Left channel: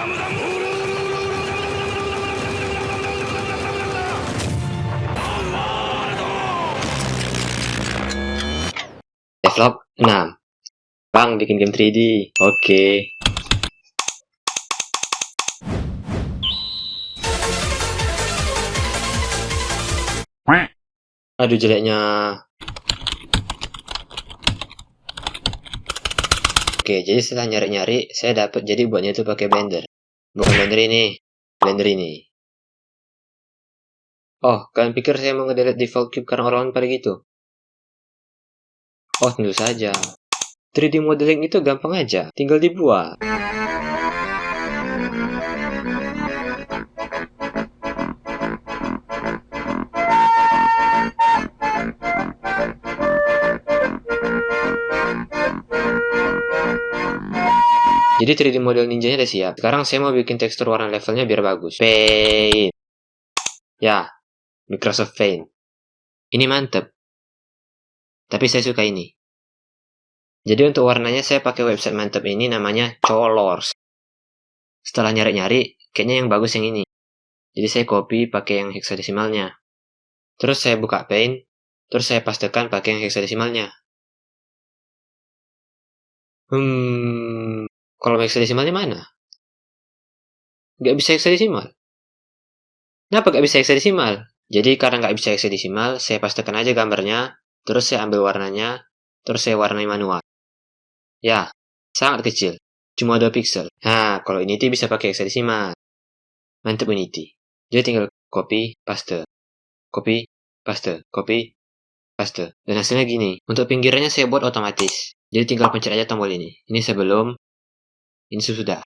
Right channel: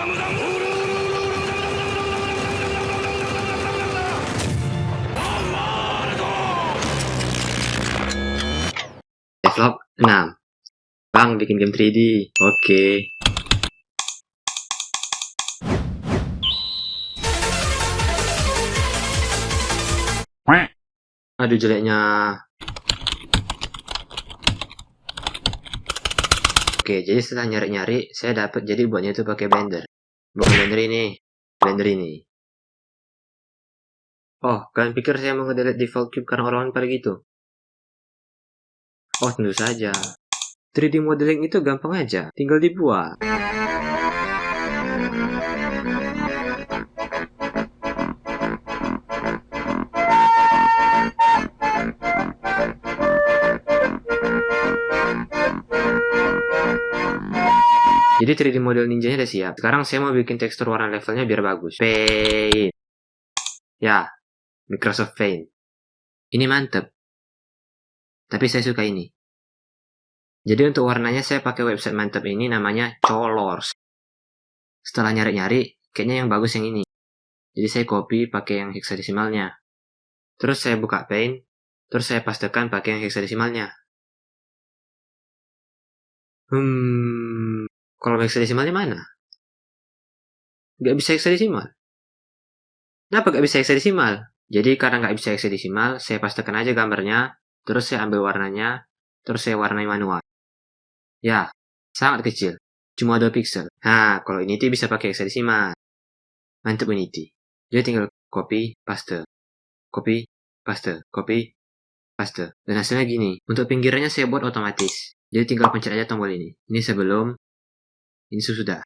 Develop 6. Bang, bikin game 3D. Oke. Aduh, jeleknya. Oke, jadi setelah nyari-nyari, saya dapat jadi buatnya itu pakai Blender. Bukan Blender ini, Blender ini. Oh, kalian pikir saya mau ngedelete default cube karena orang-orang pada gitu? Oh, tentu saja. 3D modeling itu gampang aja, tinggal dibuat. Jadi 3D model ninjanya udah siap. Sekarang saya mau bikin tekstur warna levelnya biar bagus. Paint. Ya, Microsoft Paint. Ini mantep. Tapi saya suka ini. Jadi untuk warnanya saya pakai website mantep ini namanya Colors. Setelah nyari-nyari, kayaknya yang bagus yang ini. Jadi saya copy pakai yang hexadesimalnya. Terus saya buka Paint, terus saya pastekan pakai yang hexadesimalnya. Kalau hexadesimalnya mana? Nggak bisa hexadesimal. Kenapa nggak bisa hexadesimal? Jadi karena nggak bisa hexadesimal, saya pastekan aja gambarnya, terus saya ambil warnanya, terus saya warnai manual. Ya, sangat kecil. Cuma 2 pixel. Nah, kalau Unity bisa pakai hexadesimal. Mantap Unity. Jadi tinggal copy, paste. Copy, paste. Copy, paste. Dan hasilnya gini. Untuk pinggirannya saya buat otomatis. Jadi tinggal pencet aja tombol ini. Ini sebelum, ini sesudah.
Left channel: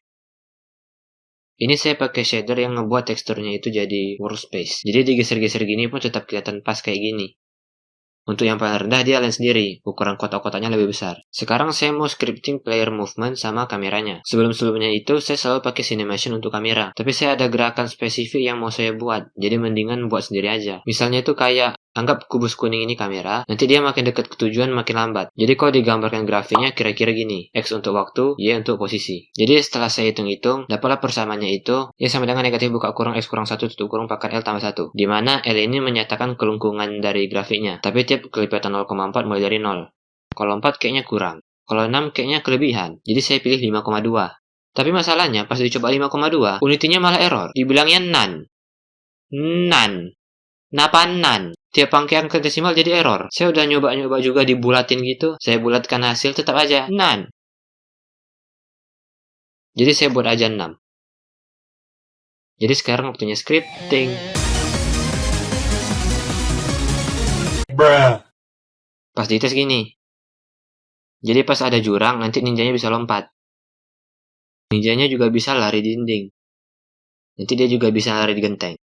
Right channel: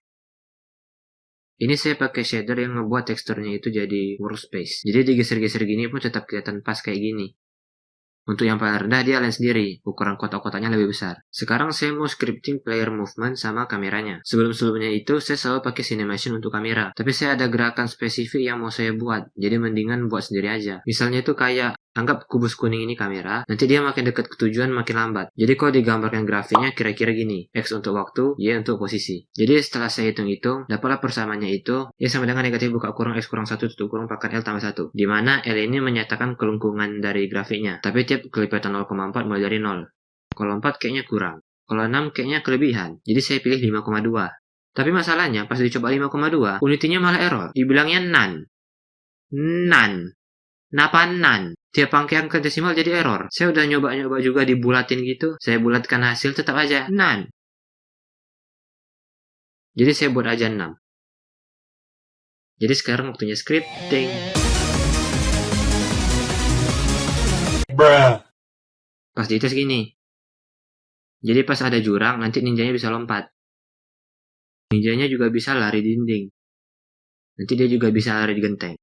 Ini saya pakai shader yang ngebuat teksturnya itu jadi workspace. Jadi digeser-geser gini pun tetap kelihatan pas kayak gini. Untuk yang paling rendah dia lens sendiri, ukuran kotak-kotaknya lebih besar. Sekarang saya mau scripting player movement sama kameranya. Sebelum-sebelumnya itu saya selalu pakai Cinemation untuk kamera. Tapi saya ada gerakan spesifik yang mau saya buat, jadi mendingan buat sendiri aja. Misalnya itu kayak, anggap kubus kuning ini kamera, nanti dia makin dekat ke tujuan makin lambat. Jadi kalau digambarkan grafiknya kira-kira gini, X untuk waktu, Y untuk posisi. Jadi setelah saya hitung-hitung, dapatlah persamaannya itu, Y sama dengan negatif buka kurung X kurang 1 tutup kurung pangkat L tambah 1. Dimana L ini menyatakan kelengkungan dari grafiknya. Tapi tiap kelipatan 0,4 mulai dari 0. Kalau 4 kayaknya kurang. Kalau 6 kayaknya kelebihan. Jadi saya pilih 5,2. Tapi masalahnya pas dicoba 5,2, unitinya malah error. Dibilangnya none. None. Napa none? Tiap pangkaian ke desimal jadi error. Saya udah nyoba-nyoba juga dibulatin gitu. Saya bulatkan hasil tetap aja none. Jadi saya buat aja 6. Jadi sekarang waktunya scripting. Bruh. Pas dites gini. Jadi pas ada jurang, nanti ninjanya bisa lompat. Ninjanya juga bisa lari di dinding. Nanti dia juga bisa lari di genteng.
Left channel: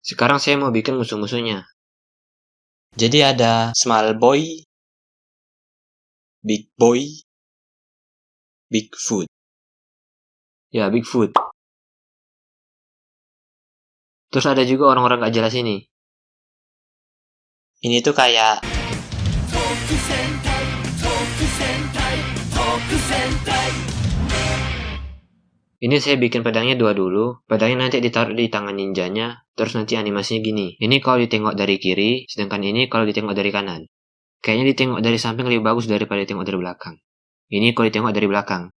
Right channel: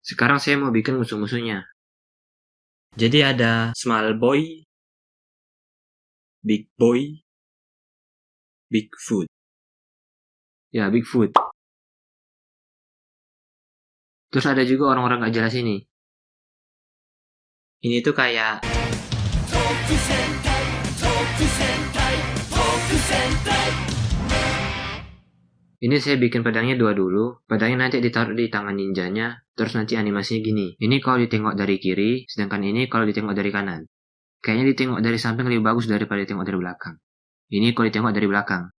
Sekarang saya mau bikin musuh-musuhnya. Jadi ada small boy, big boy, Bigfoot. Ya, Bigfoot. Terus ada juga orang-orang gak jelas ini. Ini tuh kayak... Ini saya bikin pedangnya 2 dulu. Pedangnya nanti ditaruh di tangan ninjanya. Terus nanti animasinya gini. Ini kalau ditengok dari kiri, sedangkan ini kalau ditengok dari kanan. Kayaknya ditengok dari samping lebih bagus daripada ditengok dari belakang. Ini kalau ditengok dari belakang.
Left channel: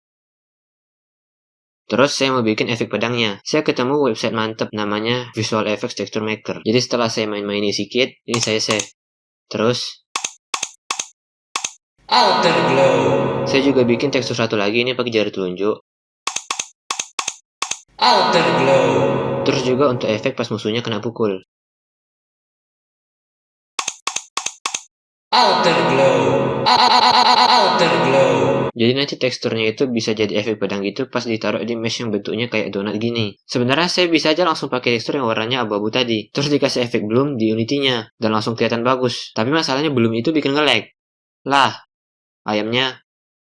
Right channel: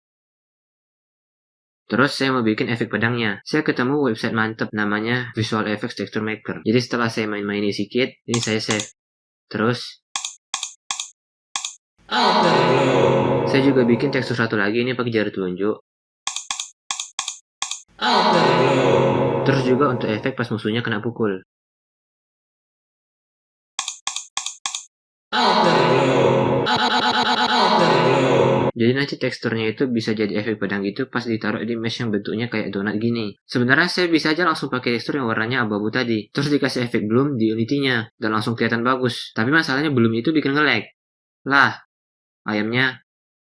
Terus saya mau bikin efek pedangnya. Saya ketemu website mantep namanya Visual Effects Texture Maker. Jadi setelah saya main-mainin sedikit, ini saya save. Terus Outer glow. saya juga bikin tekstur satu lagi ini pakai jari telunjuk. Outer glow. Terus juga untuk efek pas musuhnya kena pukul. Outer glow. Outer glow. Jadi nanti teksturnya itu bisa jadi efek pedang gitu pas ditaruh di mesh yang bentuknya kayak donat gini. Sebenarnya saya bisa aja langsung pakai tekstur yang warnanya abu-abu tadi. Terus dikasih efek bloom di unity-nya. Dan langsung kelihatan bagus. Tapi masalahnya bloom itu bikin nge-lag. Lah, ayamnya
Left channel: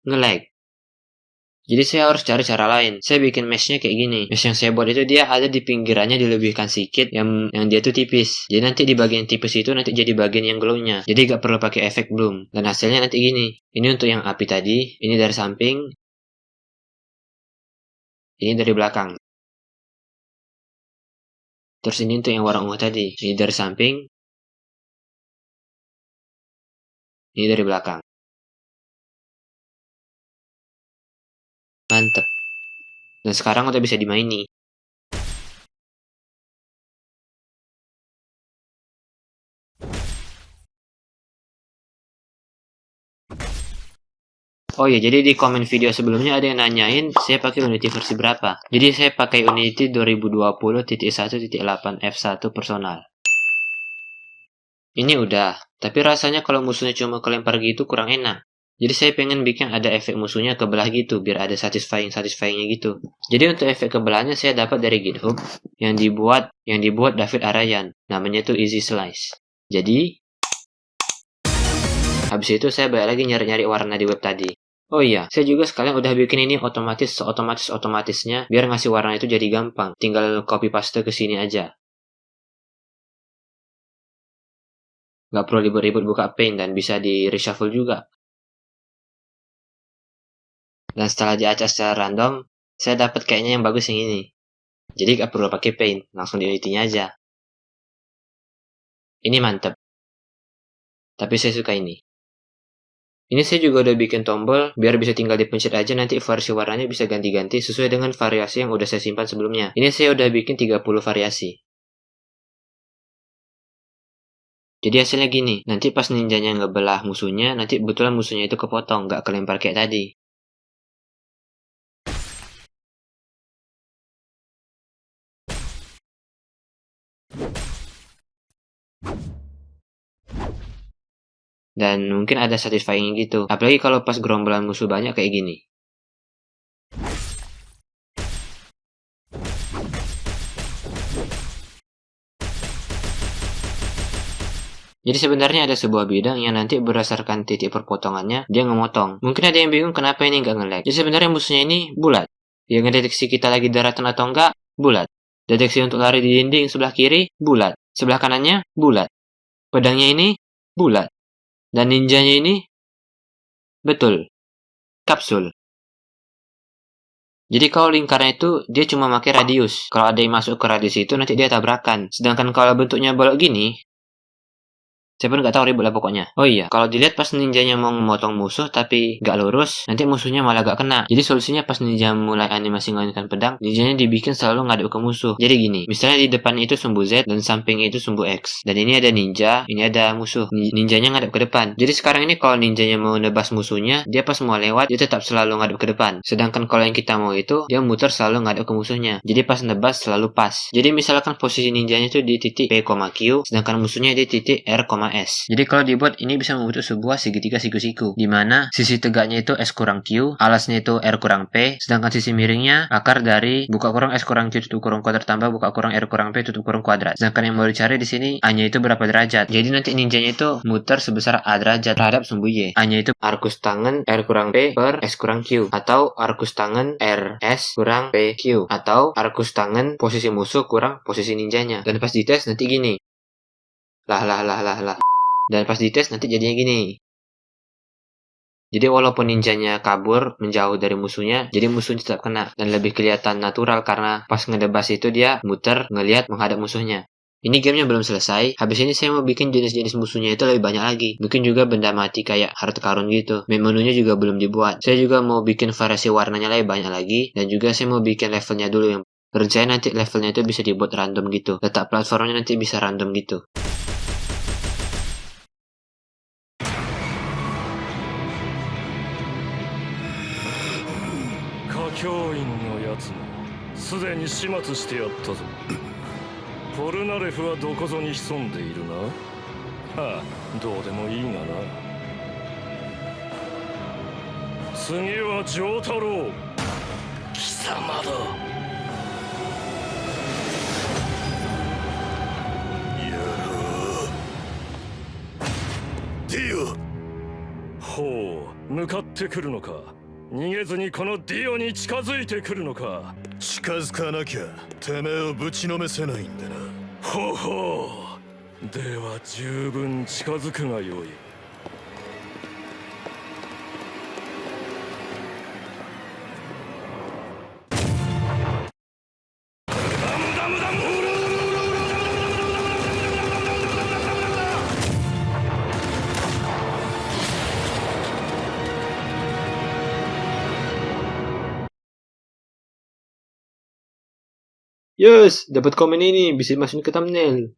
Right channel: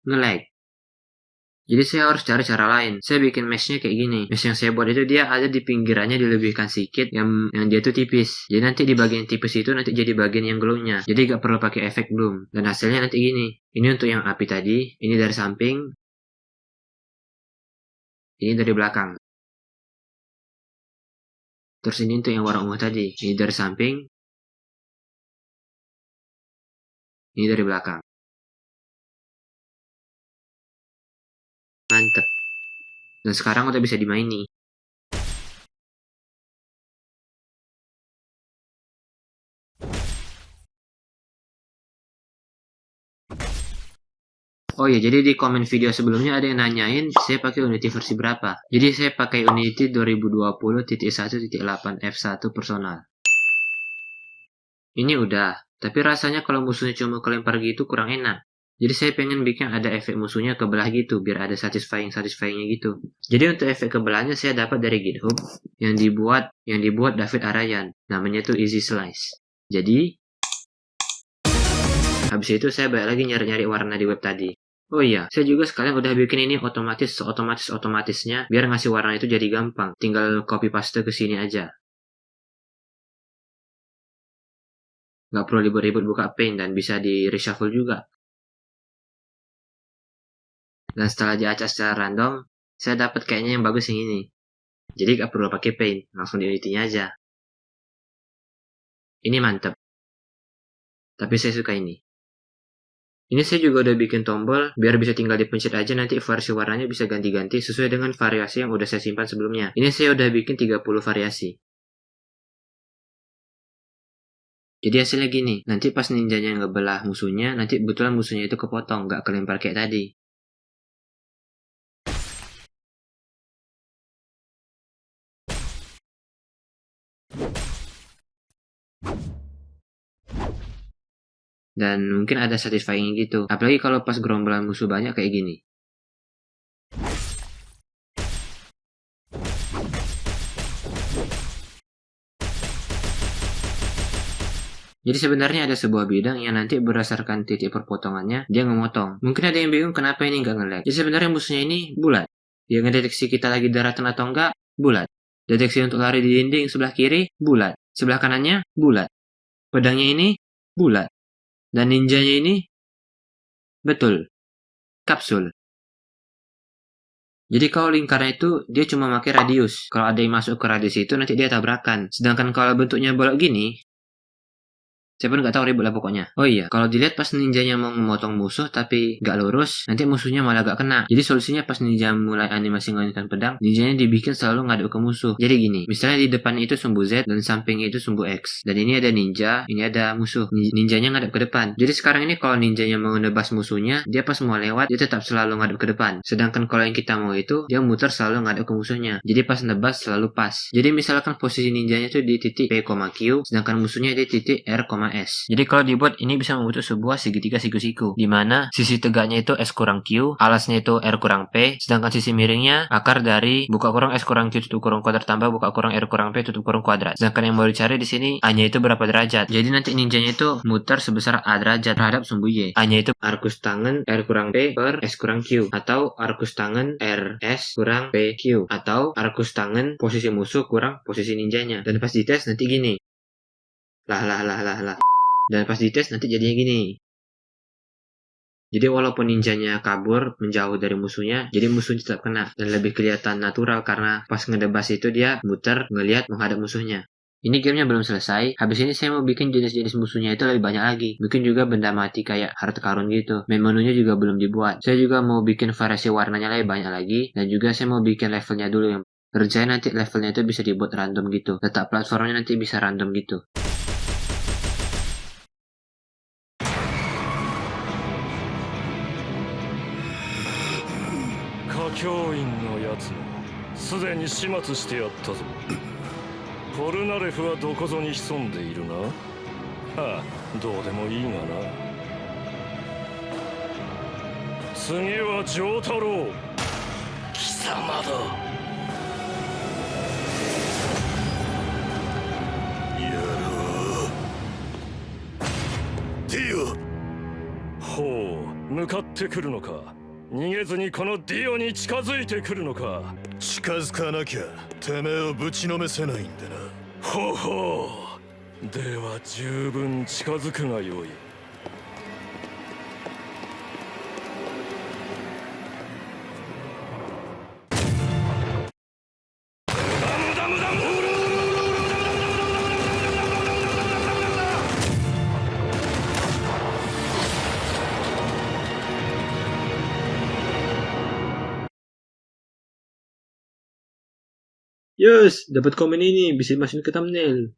nge-lag. Jadi saya harus cari cara lain. Saya bikin meshnya kayak gini. Mesh yang saya buat itu dia ada di pinggirannya dilebihkan sedikit yang dia tuh tipis. Jadi nanti di bagian tipis itu nanti jadi bagian yang glownya. Jadi gak perlu pakai efek bloom. Dan hasilnya nanti gini. Ini untuk yang api tadi. Ini dari samping. Ini dari belakang. Terus ini untuk yang warna ungu tadi. Ini dari samping. Ini dari belakang. Mantep. Dan sekarang udah bisa dimaini. Oh iya, jadi di komen video sebelumnya ada yang nanyain saya pakai Unity versi berapa. Jadi saya pakai Unity 2020.1.8 F1 personal. Ini udah, tapi rasanya kalau musuhnya cuma kelempar gitu kurang enak. Jadi saya pengen bikin ada efek musuhnya kebelah gitu, biar ada satisfyingnya gitu. Jadi untuk efek kebelahnya saya dapat dari GitHub yang dibuat David Arayan. Namanya tuh Easy Slice. Jadi habis itu saya balik lagi nyari-nyari warna di web tadi. Oh iya, saya juga sekalian udah bikin ini otomatisnya biar ngasih warna itu jadi gampang. Tinggal copy paste ke sini aja. Nggak perlu ribet-ribet buka Paint dan bisa di reshuffle juga. Dan setelah diacak secara random, saya dapat kayaknya yang bagus yang ini. Jadi nggak perlu pakai Paint, langsung di Unity-nya aja. Ini mantep. Tapi saya suka ini. Ini saya juga udah bikin tombol, biar bisa tinggal dipencet aja nanti versi warnanya bisa ganti-ganti sesuai dengan variasi yang udah saya simpan sebelumnya. Ini saya udah bikin 30 variasi. Jadi hasilnya gini, nanti pas ninjanya ngebelah musuhnya, nanti kebetulan musuhnya itu kepotong, nggak kelempar kayak tadi. Dan mungkin ada satisfying gitu, apalagi kalau pas gerombolan musuh banyak kayak gini. Jadi sebenarnya ada sebuah bidang yang nanti berdasarkan titik perpotongannya, dia ngemotong. Mungkin ada yang bingung kenapa ini nggak nge-lag. Jadi sebenarnya musuhnya ini bulat. Yang ngedeteksi kita lagi daratan atau enggak, bulat. Deteksi untuk lari di dinding sebelah kiri, bulat. Sebelah kanannya, bulat. Pedangnya ini, bulat. Dan ninjanya ini, betul, kapsul. Jadi kalau lingkarnya itu, dia cuma pakai radius. Kalau ada yang masuk ke radius itu, nanti dia tabrakan. Sedangkan kalau bentuknya bolok gini, saya pun nggak tahu ribet lah pokoknya. Oh iya, kalau dilihat pas ninjanya mau memotong musuh tapi nggak lurus, nanti musuhnya malah gak kena. Jadi solusinya pas ninja mulai animasi ngelonjorkan pedang, ninjanya dibikin selalu ngadep ke musuh. Jadi gini, misalnya di depan itu sumbu Z dan samping itu sumbu X. Dan ini ada ninja, ini ada musuh. Ninjanya ngadep ke depan. Jadi sekarang ini kalau ninjanya mau nebas musuhnya, dia pas mau lewat, dia tetap selalu ngadep ke depan. Sedangkan kalau yang kita mau itu, dia muter selalu ngadep ke musuhnya. Jadi pas nebas selalu pas. Jadi misalkan posisi ninjanya itu di titik P, Q, sedangkan musuhnya di titik R, S. Jadi kalau dibuat ini bisa membentuk sebuah segitiga siku-siku, di mana sisi tegaknya itu S kurang Q, alasnya itu R kurang P, sedangkan sisi miringnya akar dari buka kurung S kurang Q tutup kurung kuadrat tambah buka kurung R kurang P tutup kurung kuadrat. Sedangkan yang mau dicari di sini A-nya itu berapa derajat. Jadi nanti ninjanya itu muter sebesar A derajat terhadap sumbu Y. A-nya itu arkus tangan R kurang P per S kurang Q, atau arkus tangan R S kurang P Q, atau arkus tangan posisi musuh kurang posisi ninjanya. Dan pas dites nanti gini. Lah. Dan pas dites nanti jadinya gini. Jadi walaupun ninjanya kabur menjauh dari musuhnya, jadi musuhnya tetap kena. Dan lebih kelihatan natural karena pas ngedebas itu dia muter ngelihat menghadap musuhnya. Ini gamenya belum selesai. Habis ini saya mau bikin jenis-jenis musuhnya itu lebih banyak lagi. Bikin juga benda mati kayak harta karun gitu. Menunya juga belum dibuat. Saya juga mau bikin variasi warnanya lebih banyak lagi. Dan juga saya mau bikin levelnya dulu yang rencana nanti levelnya itu bisa dibuat random gitu. Letak platformnya nanti bisa random gitu. 教員のやつもすでに始末してやったぞ。ポルナレフはどこぞに潜んでいるな。はあ、どうでもいいがな。次は丈太郎、貴様だ。やろう。ディオ。ほう、向かってくるのか。逃げずにこのディオに近づいてくるのか。近づかなきゃてめえをぶちのめせないんでな。ほほう。では十分近づくがよい。ダムダムダム。Yes, dapat komen ini bisa masukin ke thumbnail.